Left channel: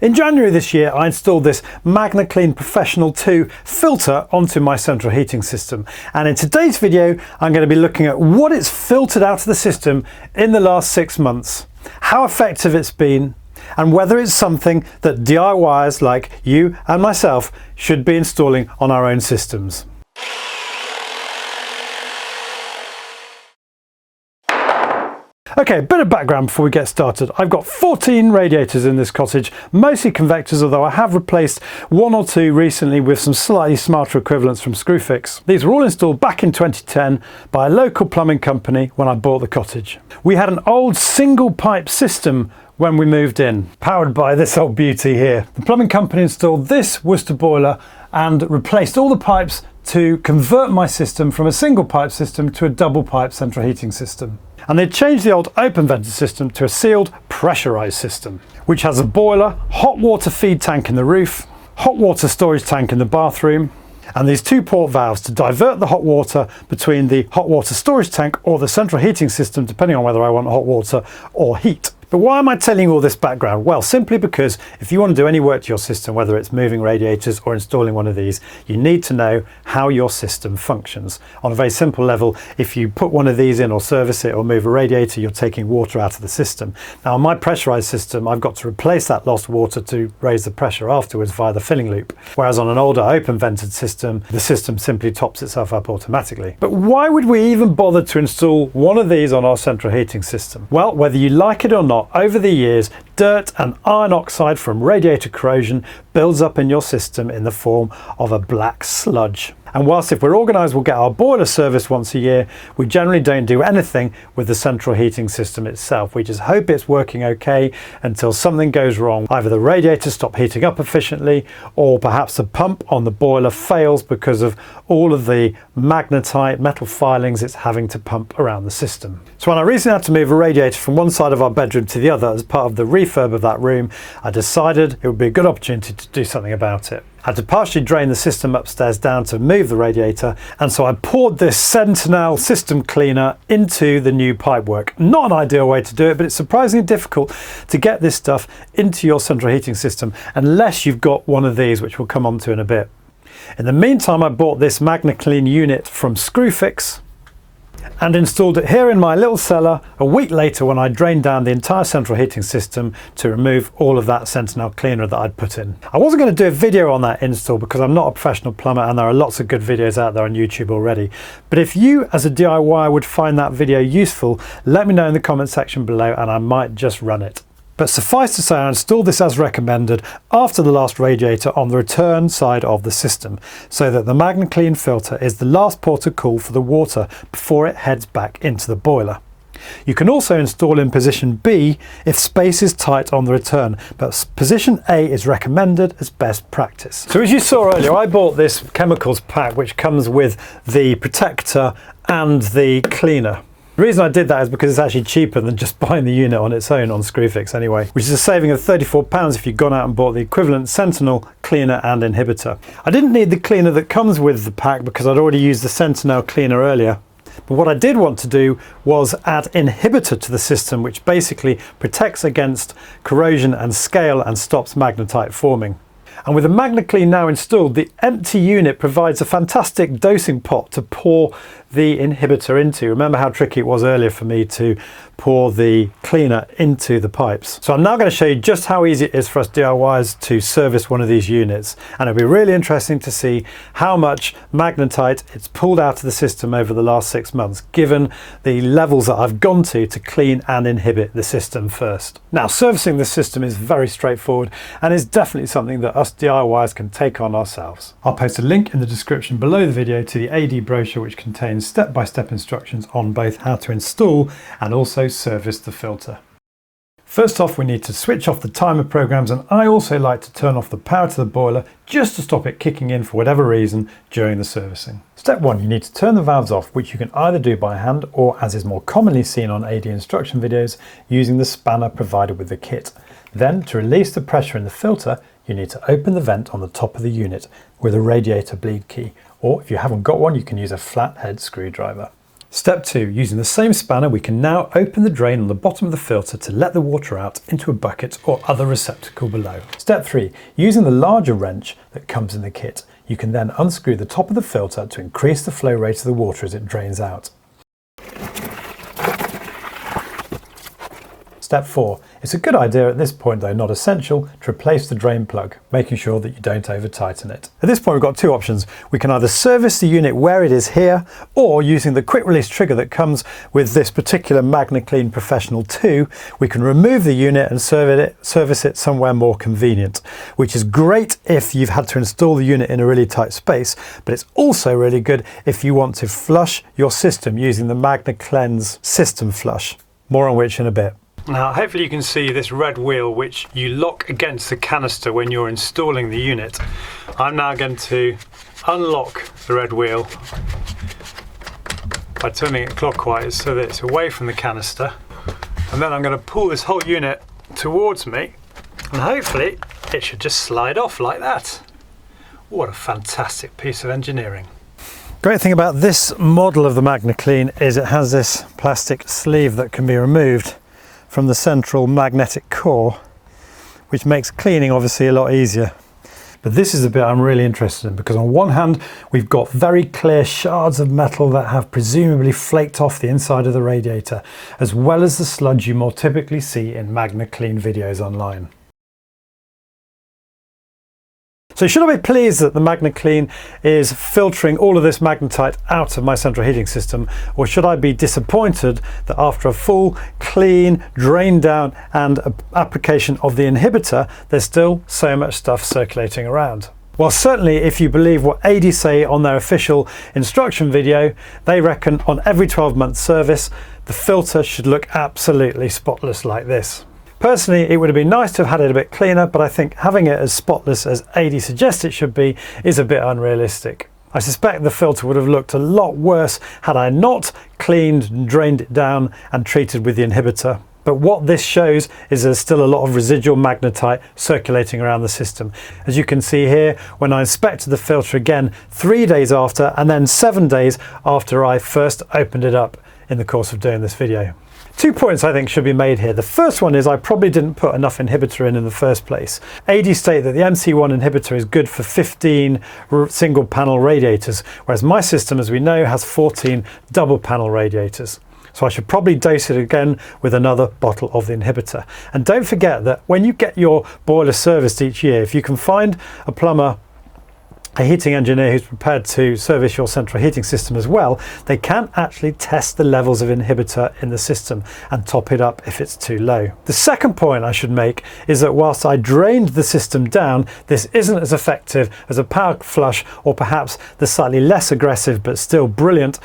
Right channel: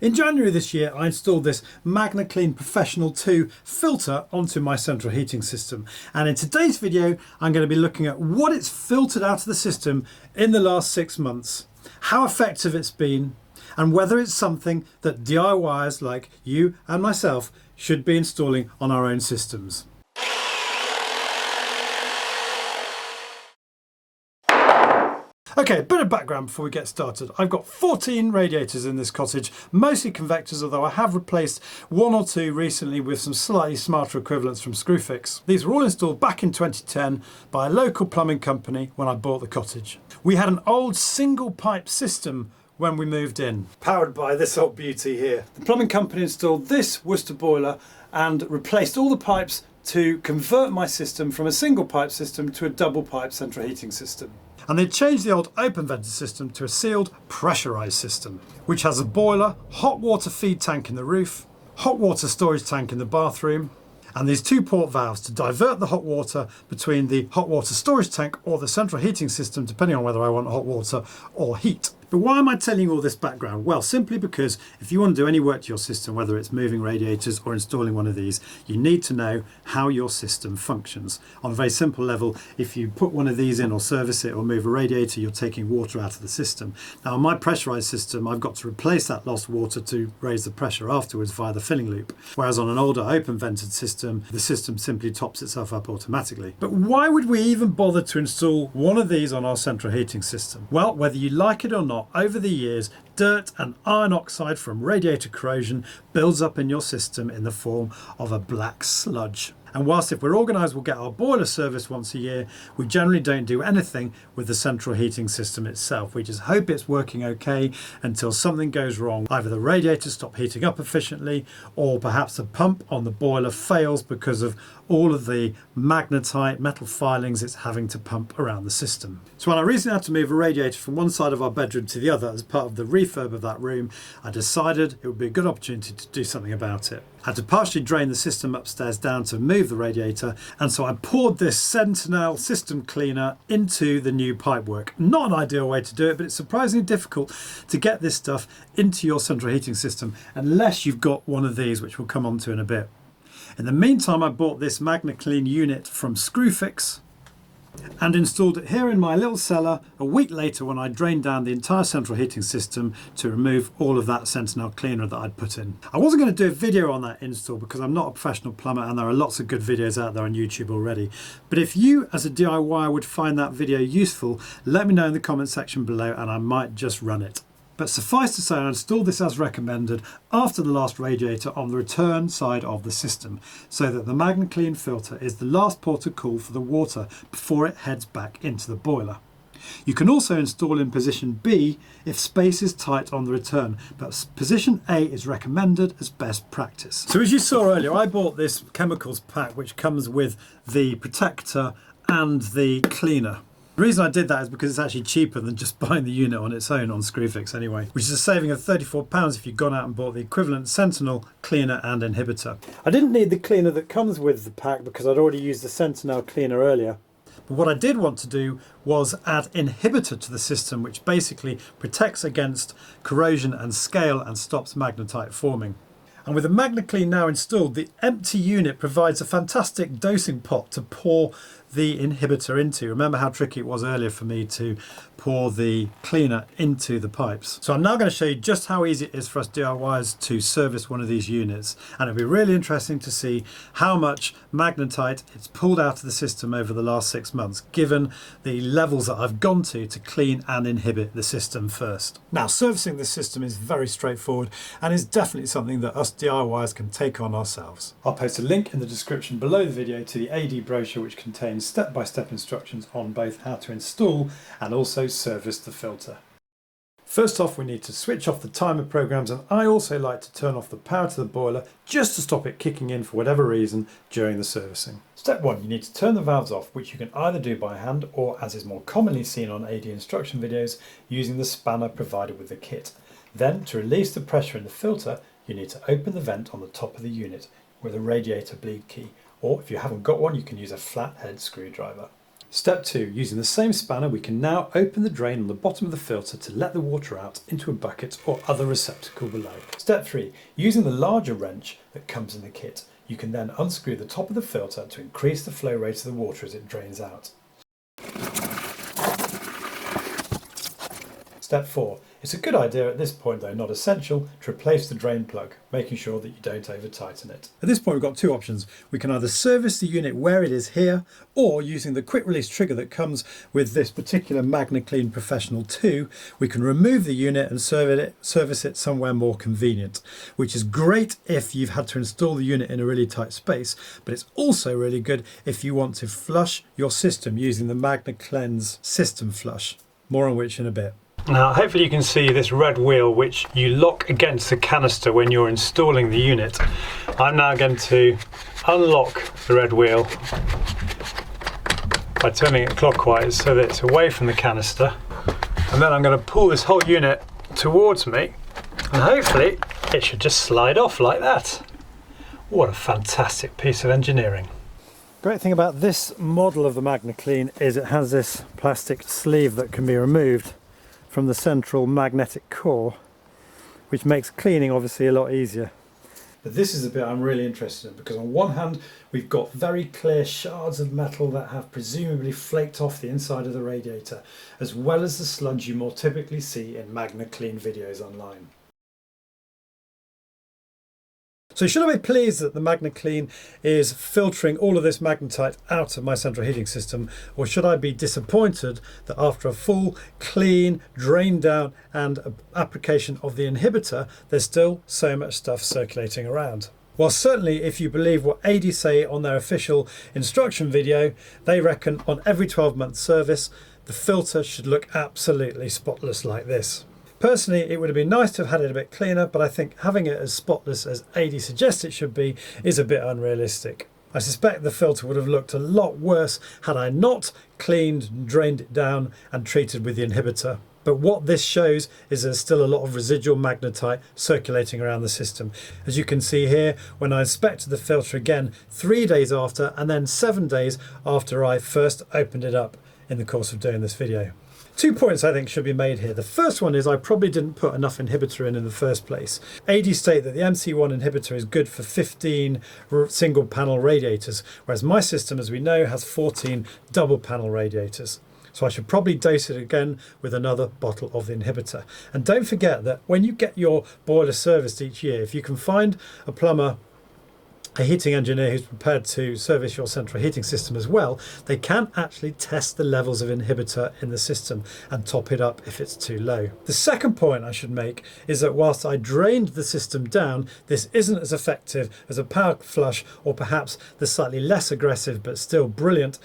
In January this year, I installed this Magnaclean Professional 2 filter onto my central heating system. And in today's video, I'm going to be looking at what it's filtered out of the system in the last 6 months, how effective it's been, and whether it's something that DIYers like you and myself should be installing on our own systems. Okay, a bit of background before we get started. I've got 14 radiators in this cottage, mostly convectors, although I have replaced 1 or 2 recently with some slightly smarter equivalents from Screwfix. These were all installed back in 2010 by a local plumbing company when I bought the cottage. We had an old single pipe system when we moved in, powered by this old beauty here. The plumbing company installed this Worcester boiler and replaced all the pipes to convert my system from a single pipe system to a double pipe central heating system. And they changed the old open vented system to a sealed pressurized system, which has a boiler, hot water feed tank in the roof, hot water storage tank in the bathroom, and these 2 port valves to divert the hot water between the hot water storage tank or the central heating system, depending on whether I want hot water or heat. But why am I telling you all this background? Well, simply because if you want to do any work to your system, whether it's moving radiators or installing one of these, you need to know how your system functions. On a very simple level, if you put one of these in or service it or move a radiator, you're taking water out of the system. Now, on my pressurized system, I've got to replace that lost water to raise the pressure afterwards via the filling loop. Whereas on an older open vented system, the system simply tops itself up automatically. But why would we even bother to install one of these on our central heating system? Well, whether you like it or not, over the years, dirt and iron oxide from radiator corrosion builds up in your system in the form of a black sludge. And whilst if we're organised we'll get our boiler serviced once a year, we generally don't do anything with the central heating system itself. We just hope it's working okay until something goes wrong. Either the radiators stop heating up efficiently, or perhaps the pump on the boiler fails because of all of the magnetite metal filings it's having to pump around the system. So when I recently had to move a radiator from one side of our bedroom to the other as part of the refurb of that room, I decided it would be a good opportunity to do something about it. I had to partially drain the system upstairs down to move the radiator, and so I poured this Sentinel system cleaner into the new pipework. Not an ideal way to do it, but it's surprisingly difficult to get this stuff into your central heating system unless you've got one of these, which we'll come on to in a bit. In the meantime, I bought this Magnaclean unit from Screwfix and installed it here in my little cellar a week later when I drained down the entire central heating system to remove all of that Sentinel cleaner that I'd put in. I wasn't going to do a video on that install because I'm not a professional plumber and there are lots of good videos out there on YouTube already. But if you as a DIY would find that video useful, let me know in the comment section below and I might just run it. But suffice to say, I installed this as recommended after the last radiator on the return side of the system, so that the Magnaclean filter is the last port of call for the water before it heads back into the boiler. You can also install in position B if space is tight on the return, but position A is recommended as best practice. So as you saw earlier, I bought this chemicals pack which comes with the protector and the cleaner. The reason I did that is because it's actually cheaper than just buying the unit on its own on Screwfix anyway, which is a saving of £34 if you'd gone out and bought the equivalent Sentinel cleaner and inhibitor. I didn't need the cleaner that comes with the pack because I'd already used the Sentinel cleaner earlier. But what I did want to do was add inhibitor to the system, which basically protects against corrosion and scale and stops magnetite forming. And with the Magnaclean now installed, the empty unit provides a fantastic dosing pot to pour the inhibitor into. Remember how tricky it was earlier for me to pour the cleaner into the pipes. So I'm now going to show you just how easy it is for us DIYers to service one of these units. And it'll be really interesting to see how much magnetite it's pulled out of the system over the last 6 months, given the levels that I've gone to clean and inhibit the system first. Now, servicing this system is very straightforward and is definitely something that us DIYers can take on ourselves. I'll post a link in the description below the video to the AD brochure, which contains step-by-step instructions on both how to install and also service the filter. First off, we need to switch off the timer programs, and I also like to turn off the power to the boiler just to stop it kicking in for whatever reason during the servicing. Step 1, you need to turn the valves off, which you can either do by hand or, as is more commonly seen on AD instruction videos, using the spanner provided with the kit. Then, to release the pressure in the filter, you need to open the vent on the top of the unit with a radiator bleed key, or if you haven't got one, you can use a flathead screwdriver. Step 2. Using the same spanner, we can now open the drain on the bottom of the filter to let the water out into a bucket or other receptacle below. Step 3. Using the larger wrench that comes in the kit, you can then unscrew the top of the filter to increase the flow rate of the water as it drains out. Step 4. It's a good idea at this point, though not essential, to replace the drain plug, making sure that you don't over tighten it. At this point we've got two options. We can either service the unit where it is here, or using the quick release trigger that comes with this particular Magnaclean Professional 2, we can remove the unit and service it somewhere more convenient, which is great if you've had to install the unit in a really tight space, but it's also really good if you want to flush your system using the Magnaclean's System Flush, more on which in a bit. Now hopefully you can see this red wheel which you lock against the canister when you're installing the unit. I'm now going to unlock the red wheel by turning it clockwise so that it's away from the canister, and then I'm going to pull this whole unit towards me and hopefully it should just slide off like that. What a fantastic piece of engineering. Great thing about this model of the Magnaclean is it has this plastic sleeve that can be removed from the central magnetic core, which makes cleaning obviously a lot easier. But this is the bit I'm really interested in, because on one hand we've got very clear shards of metal that have presumably flaked off the inside of the radiator, as well as the sludge you more typically see in Magnaclean videos online. So should I be pleased that the Magnaclean is filtering all of this magnetite out of my central heating system, or should I be disappointed that after a full, clean, drain down and application of the inhibitor, there's still so much stuff circulating around? Well, certainly if you believe what adey say on their official instruction video, they reckon on every 12-month service, the filter should look absolutely spotless like this. Personally, it would have been nice to have had it a bit cleaner, but I think having it as spotless as adey suggests it should be is a bit unrealistic. I suspect the filter would have looked a lot worse had I not cleaned and drained it down and treated with the inhibitor. But what this shows is there's still a lot of residual magnetite circulating around the system. As you can see here, when I inspected the filter again 3 days after and then 7 days after I first opened it up in the course of doing this video. 2 points I think should be made here. The first one is I probably didn't put enough inhibitor in the first place. adey state that the MC1 inhibitor is good for 15 single panel radiators, whereas my system, as we know, has 14 double panel radiators. So I should probably dose it again with another bottle of the inhibitor. And don't forget that when you get your boiler serviced each year, if you can find a plumber, a heating engineer who's prepared to service your central heating system as well, they can actually test the levels of inhibitor in the system and top it up if it's too low. The second point I should make is that whilst I drained the system down, this isn't as effective as a power flush or perhaps the slightly less aggressive but still brilliant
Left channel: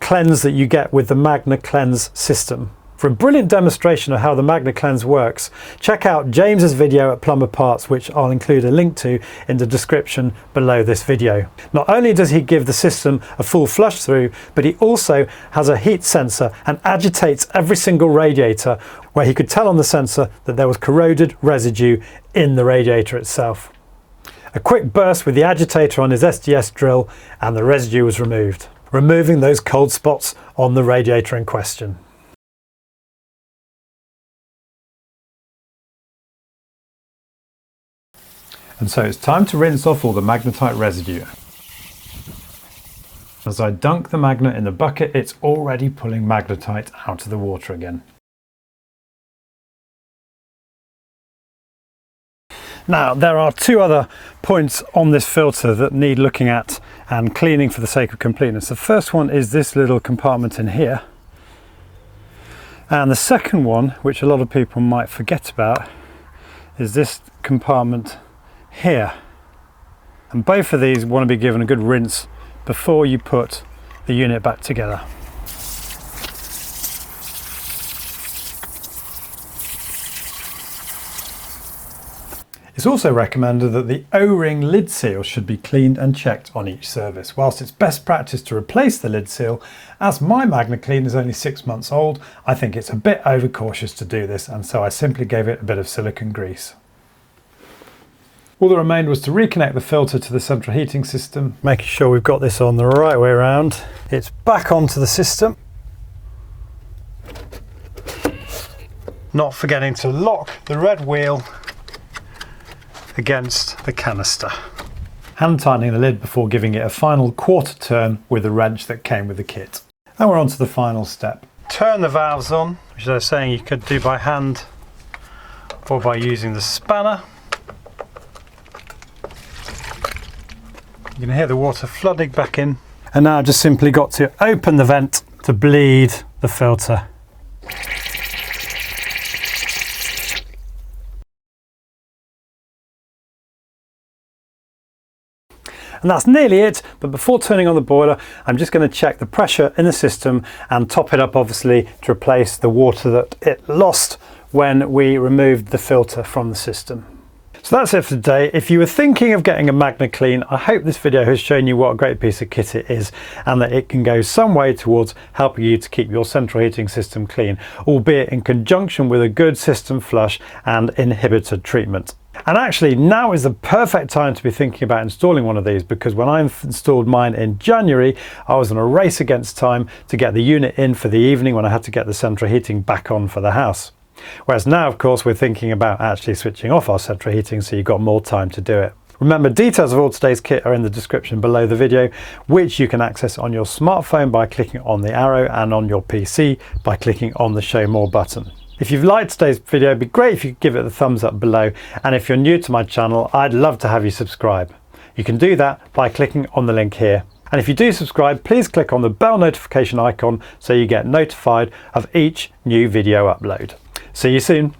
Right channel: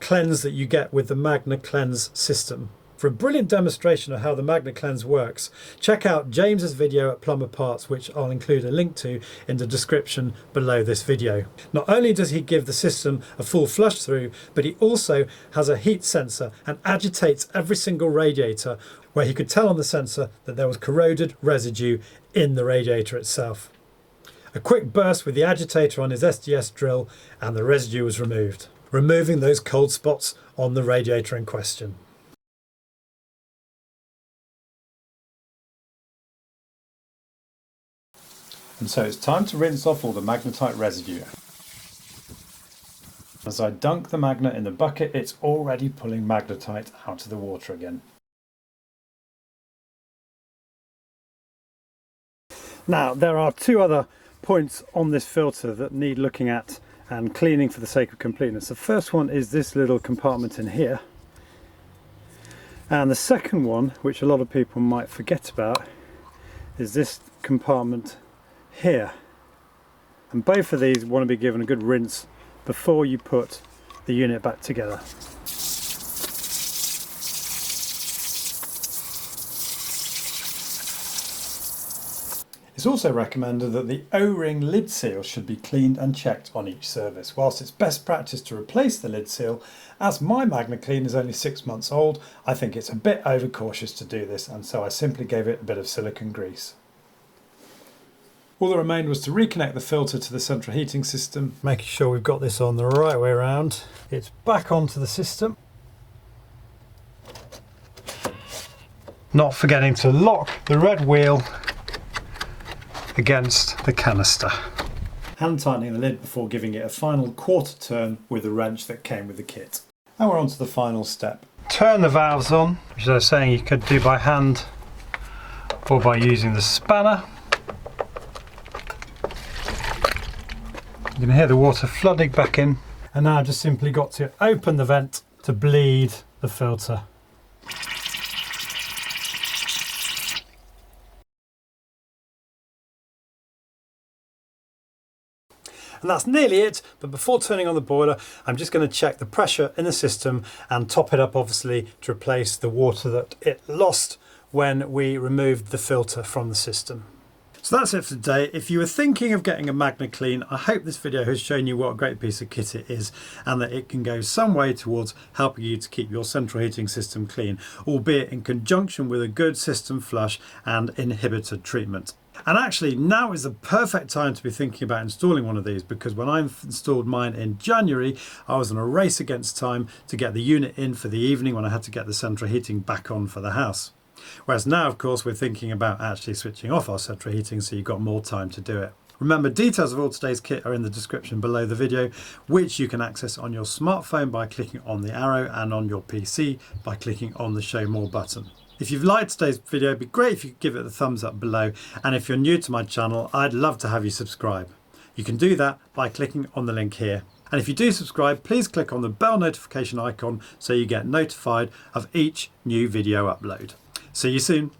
cleanse that you get with the Magnaclean's system. For a brilliant demonstration of how the Magnaclean works, check out James's video at Plumber Parts, which I'll include a link to in the description below this video. Not only does he give the system a full flush through, but he also has a heat sensor and agitates every single radiator, where he could tell on the sensor that there was corroded residue in the radiator itself. A quick burst with the agitator on his SDS drill and the residue was removed, removing those cold spots on the radiator in question. And so it's time to rinse off all the magnetite residue. As I dunk the magnet in the bucket, it's already pulling magnetite out of the water again. Now, there are two other points on this filter that need looking at and cleaning for the sake of completeness. The first one is this little compartment in here. And the second one, which a lot of people might forget about, is this compartment here. And both of these want to be given a good rinse before you put the unit back together. It's also recommended that the O-ring lid seal should be cleaned and checked on each service. Whilst it's best practice to replace the lid seal, as my Magnaclean is only 6 months old, I think it's a bit overcautious to do this, and so I simply gave it a bit of silicone grease. All that remained was to reconnect the filter to the central heating system, making sure we've got this on the right way around. It's back onto the system, not forgetting to lock the red wheel against the canister. Hand tightening the lid before giving it a final quarter turn with the wrench that came with the kit. And we're on to the final step. Turn the valves on, which I was saying you could do by hand or by using the spanner. You can hear the water flooding back in. And now I've just simply got to open the vent to bleed the filter. And that's nearly it, but before turning on the boiler, I'm just going to check the pressure in the system and top it up, obviously, to replace the water that it lost when we removed the filter from the system. So that's it for today. If you were thinking of getting a Magnaclean, I hope this video has shown you what a great piece of kit it is and that it can go some way towards helping you to keep your central heating system clean, albeit in conjunction with a good system flush and inhibitor treatment. And actually, now is the perfect time to be thinking about installing one of these, because when I installed mine in January, I was on a race against time to get the unit in for the evening when I had to get the central heating back on for the house. Whereas now, of course, we're thinking about actually switching off our central heating, so you've got more time to do it. Remember, details of all today's kit are in the description below the video, which you can access on your smartphone by clicking on the arrow and on your PC by clicking on the Show More button. If you've liked today's video, it'd be great if you could give it a thumbs up below. And if you're new to my channel, I'd love to have you subscribe. You can do that by clicking on the link here. And if you do subscribe, please click on the bell notification icon so you get notified of each new video upload. See you soon.